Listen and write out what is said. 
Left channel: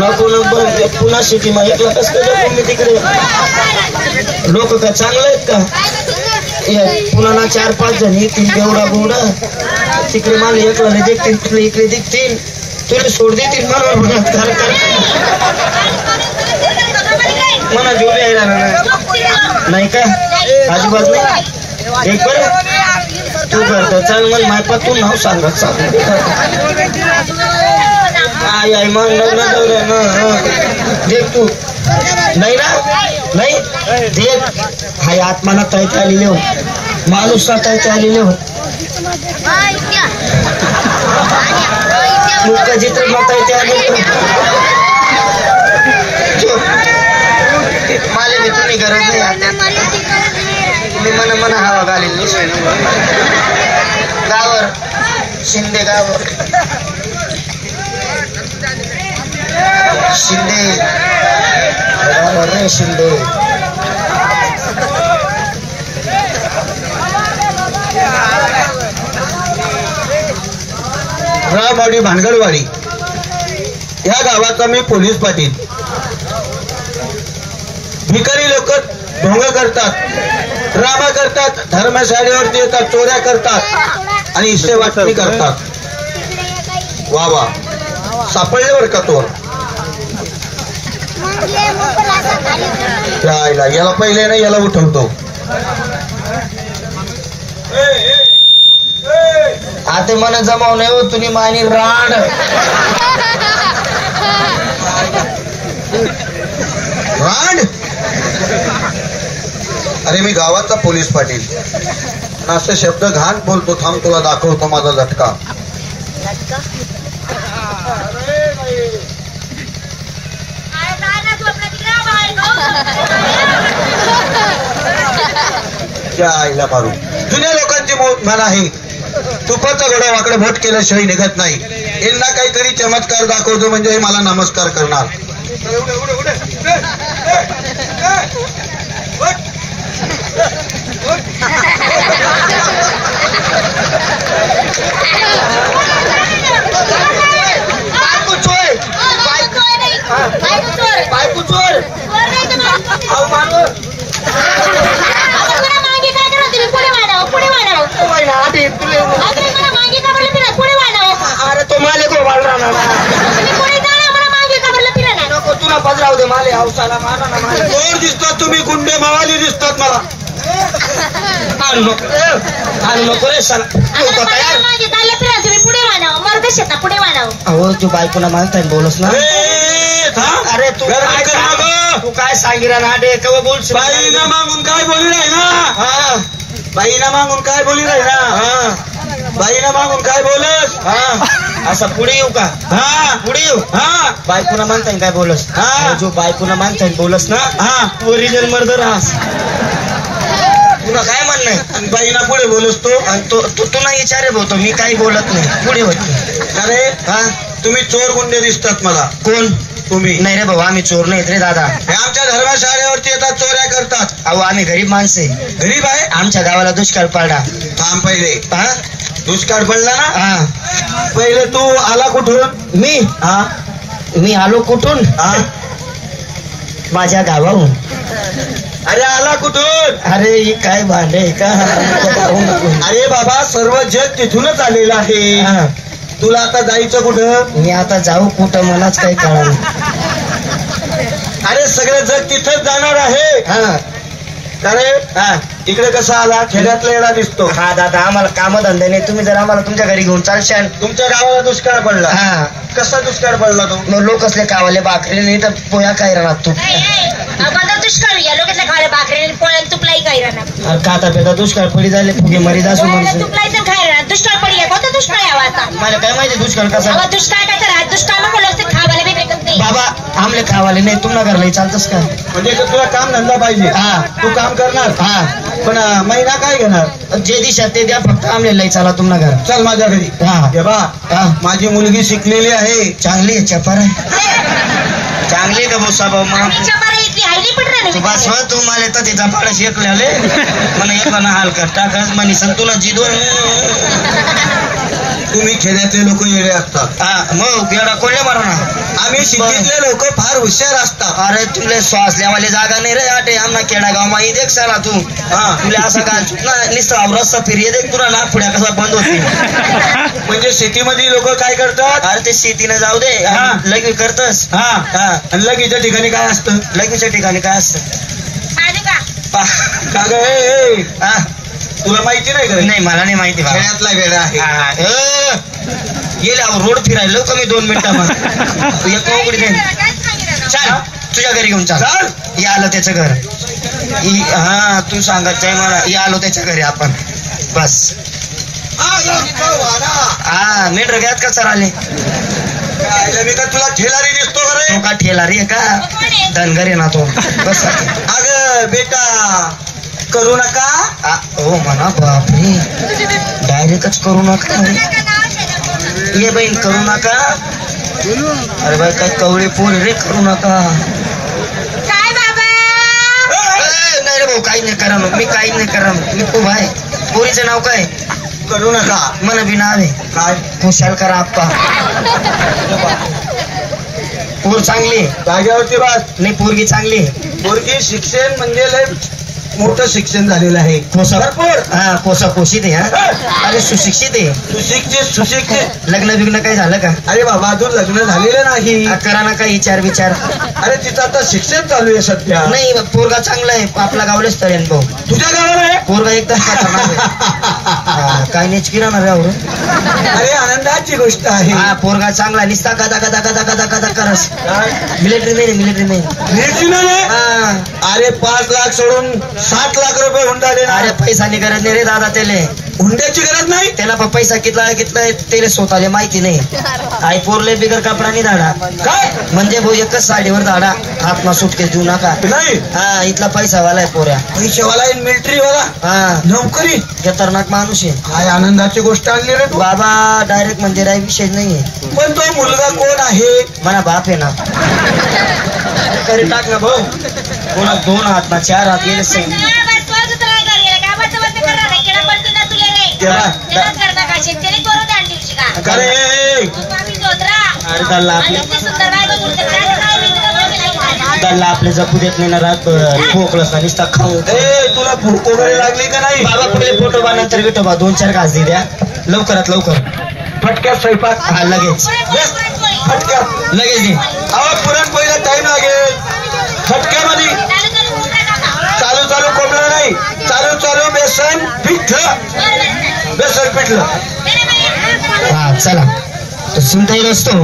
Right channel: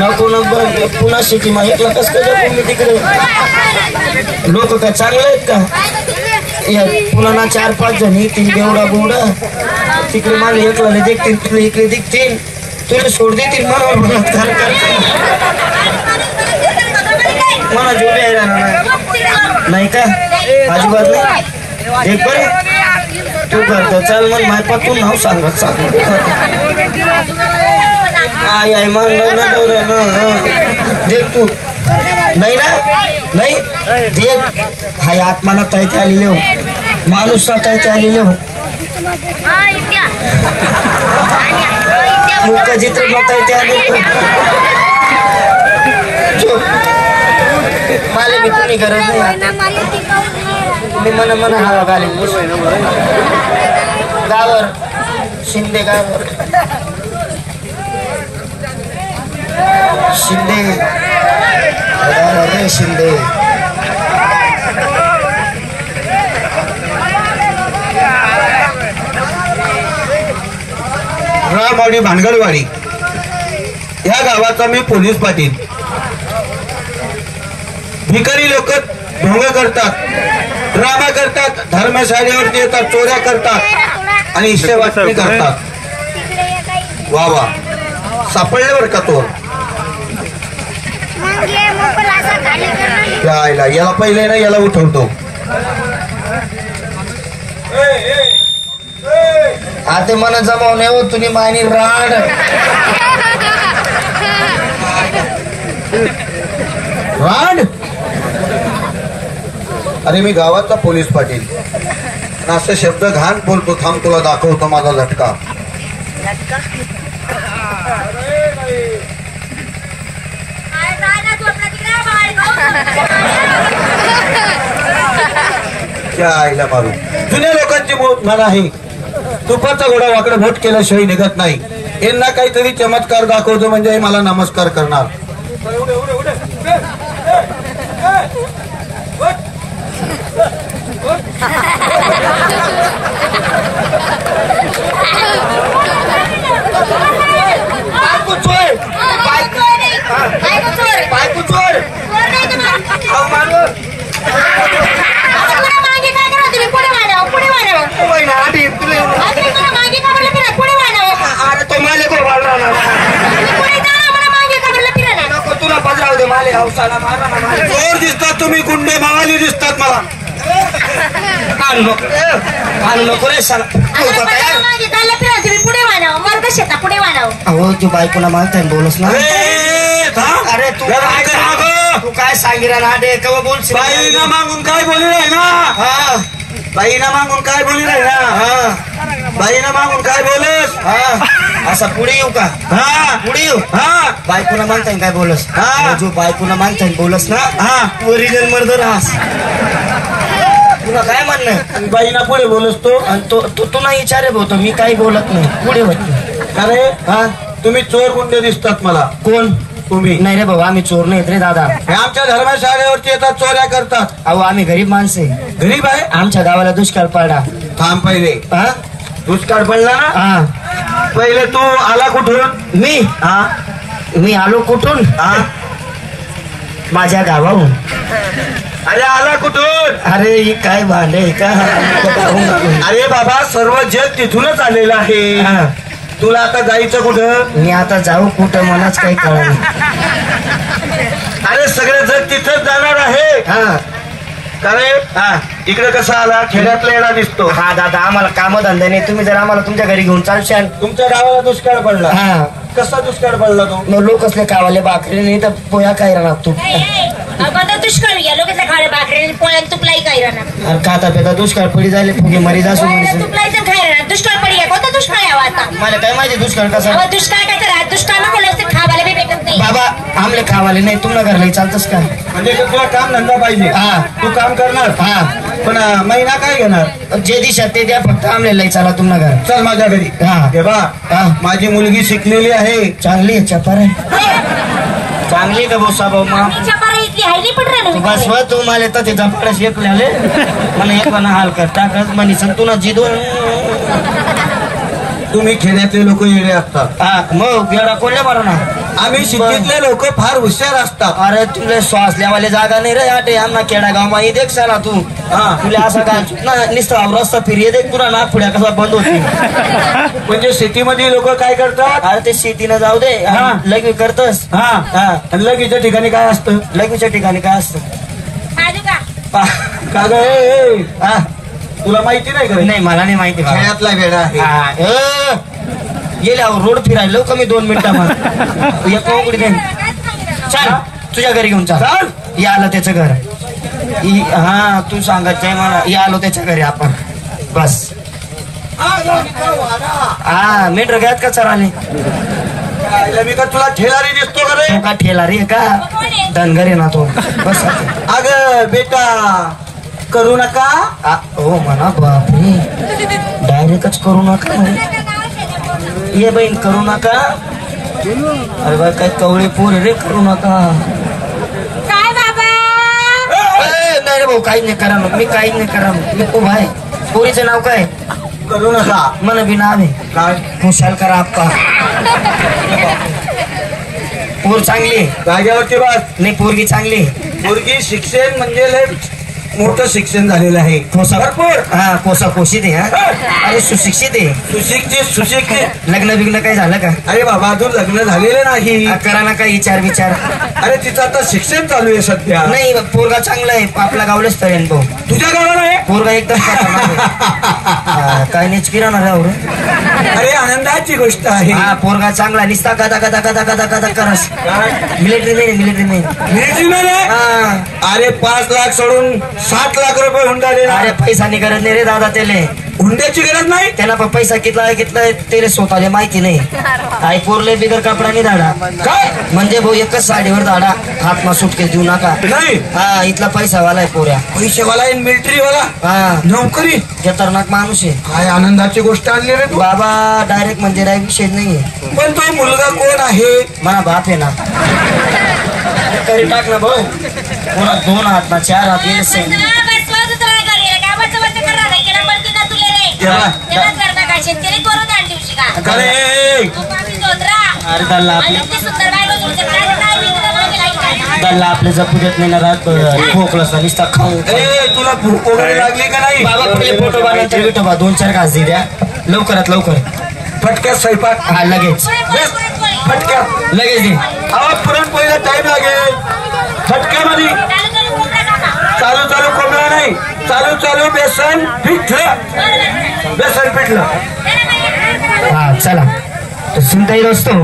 नको नको पुन्हा सिटी मा एकला कस काय तिकडे लोक काय चांगले आहेत का पुन्हा ना 4-5 जण येतील एवढा गोडा तिकडे मला एकला देखतील तुला इकडे दिखतील तुला सोड देतील मला जोडी आहे नाही का अजिबात नाही देख बरे तू करतो चल मग माझ्या तू नाव सांगत सांग आई आई मग देख तू नाही ना नाही देख हाय आत्माना तैते आलेले हो माणूस तैते आलेले हो मुख जिथे तैते आलेले माले मी तुम्ही गरज नाही मी मन मन हवा घालील गावर शिंदे गावर शिंदे शिंदे रामवाडी भानगडवाडी या गावाचा मी पोलीस पाटील भिकारी लोक ढोंग करतात ड्रामा करतात धर्मशाळेवरती येतात चोऱ्या करतात आणि इष्टवाटणी करतात वा वा सापडल्यावर का तो याला पहिले ना याला उठवतो आता मन जमाव नाही हो तुम्ही मानी राड राड अरे मी गावाचा पोलीस पाटील असे शब्द घाण बोलतो थांब तुला दाखवतो माझा झटका क्या आईला मारू जुन्या लोकांची म्हण आहे तुपाचा घोडा वाकडं भट केल्याशिवाय निघत नाही यांना काहीतरी चमत्कार दाखवतो म्हणजे मला नमस्कार करणार तुला पजरावडे माले हौसाला चोर दिसतात तुम्ही गुंडे मावाली दिसतात मला अहो तू बायकोला मागताय बोलस ना अरे तू काय सांगितलं ना डे केव्हा बोलशील बाईला मागून काय बोलू राही ना हा बाईला मागून काय बोलू राही ना हा बाईला मागून काय बोलस हा असं पुढे येऊ का हा पुढे येऊ हा बायकोला मागताय काय बोलस हा जो बायकोला मागताय बोलस ना हा ओरिजिनल मर्डर हास तुला काय म्हणणं बाईना पुढे बोलस तो आणि तो तुला विचारे बोलतो मी काही बोलत नाही पुढे बोलतो अरे हा तुम्ही चोर गुंडे दिसतात मला कोण तुम्ही नाही रे भाऊ आम्ही चोर नाहीत रे दादा हे आमच्या धर्मशाळेवरती येतात चोऱ्या करतात अहो आम्ही गरीब माणसे गरीब आहे आमच्या गावाला दुष्काळ पडला थांब पहिले हा दुष्काळ पडला ना हा पहिले तू आला कुठून मी हा मी आलो कुठून हा माझ्या गावाहून अरे आला कुठून अरे ही काय भांडे का अरे बाबा सर्व जग तिथूनच आलेलं आहे हा. तुला आता जायचं कुठं मी आता जाऊ कुठं मलाच काही कळलं अरे सगळे जग तिथंच जाणार आहे हा अरे हा इकडे कसा आला खेड्यातला येणा दिसतो हा दादा आम्हाला कामधंदे नाही तुम्ही जर आम्हाला तुमच्या घरी घेऊन चालशाल तुमच्या गावाला दुष्काळ पडला हा कसा दुष्काळ पडला तो मग लोक असले कावाले बाकरी नाही तर पोया काय राहणार तू दुष्काळ घ्या लोकांच्या खाडे भाकरी पोळ्या तुपलाई काही राहणार खाता पेता दुष्काळ पडी झाले फुगे मरी दासू म्हणून तुपलाईचं खाय राहणार दुष्काळ पडी कोणता दुष्काळ यावा आता मला काय माहिती दुष्काळ कसा दुष्काळ काय करा दुष्काळ नको असते खावायला बी भेटत नाही बाबा आमले खावाले नाही तुला घरला चालतस का म्हणजे तुला काम धंदा पाहिजे हा तू काम करणार हा पण महिना काय घेणार जे दिशा ते द्या फक्त आमले लई चाला तुमना घर चल माझ्या घरी हा हे बा हा माझी मुलगी शिकलेली आहे चांगली आहे चपार आहे चांगली का बोसा भाऊ मग इतकी हायली पड तू बस रहा तू मला तर तिचा पाडा शेकले मला एक हाल कर टाकस म्हणी संतुला जिदो तुम्ही खेड्यातले लोक येणे असतात. हा मग येडा कोणले मारणार आम्ही सिटीतले लोक फार हुशार असतात. अरे तुले श्वास लिहावाले जागा नाही रे आटे आमना खेडा गाव मा देख साला तू हा. तुले असं काय निस्ता रस्ता फिरी देख तुला नाक पुढ्या कसा बंद होती. म्हणजे सिटीमध्ये लोक काय करतात. अरे ते शेतीनं जाऊ दे हा. लग्न करतस हा हा आणि लगीच्या ठिकाणी काय असतं. लग्नाच्या ठिकाणी काय असतं खाजू का पा- का ग ए, ए, हा. तुला माहिती नाही का. नाही मला नाही माहिती बाबा. खेड्यातला वेडा आहे. गेल्यावर रोड फिरायला लवकर मी 2 मिनिटामध्ये एक उघडी दे चल तुझ्या घरी घेऊन चाल चाल. या आलो त्याचं घर हा तू सांगत जाय मला या आलो त्याच्या घरी आपण बस हा मीटर घ्यात का सर आले मी का तुला ठेलारी दिसतो का रे. तो का ठेला रे का धनगर आहे ना तो बस अग बेटा करू नका. हो म्हणा बापरे डायरेक्टच करू नका म्हणे. ये बहीण करू नका. अरे बाई काय कवळे पोर रे करू नका. काय बाबा नाही रे भाऊ काही नाही करा मग मी काही नाही करा मी उभा आहे. पोरीचं नाव काय करू नका. मन बी नाव आहे काय खुशाल करा आप्पा. पोर चांगली जाग्यावरती बस. नाही पोरगी चांगली पोरगी शिक्षण म्हणजे लय मोठं शिक्षण झालेलं आहे. भरपूर. हा कोसा कोशीत आहे हा. अरे सुशिक्षित आहे. सुशिक्षित. लग्न बिग्न काही झालं का अरे बाबा अजून लग्न झालेलं नाही. करा ना काही विचार अरे तिचं आता शिक्षण चालू आहे सध्या. नाही पोरगा चांगला आहे आपला गावलेच तळेन भाऊ. तुझ्या गावाला आहे. पोरगा एकदम खतरनाक आहे. काय नेच किराणा रे अरे आनंदाची गोष्ट आहे. हा पोरगा चांगला निसता गदा गदा गदा गदा गदा करस. मिलिटरी नाही मिळती नाही. हा अरे 5 लाख सोडून 7 लाख रुपये हुंडाले. अरे पैसा नाही गरज नाही रे दादा त्याले हुंड्याची गरज नाही. त्याला पण पैसा कितला आहे त्याला स्वतःला माहिती नाही. आई पोरले बिगर कपडा नाही धाडा काय म्हणजे भाऊ एकच साडीवर धाडा हात ना सुटकेस देऊ नका. नाही. हा इथला पैसावाला आहे पोऱ्या. पैसेवाला आहे मिलिटरीवाला. हा नोकरी. खतरनाक माणूस आहे काय आनंदाची गोष्ट आणली रे तू. बाबा डायरेक्ट म्हणजे राय विषय नाहीये. पण तो मुलगा कोण आहे. मला बाप आहे ना करी टाक ना भाऊ. कोणा 2 हात ना 4 हात येईल अरे गल्ला आपल्या जपू देत नाही ना रात खोकलस निसता खाऊ. ए तुला भूक वगैरे लागली का नाही. बाबा पहिले फोटो बा नंतर विटोबा 2-4 घास दे द्या लवकरात लवकर. फटक्यात स्वयंपाक. हा लगेच फटक्यात लगेच दे. अहो पुरणपोळीला टाइम लागेल. फटक्यामध्ये चालू कोंबडा नाही. चालू बेसन पिठलं. हा चला तो सुनता येईल असतो.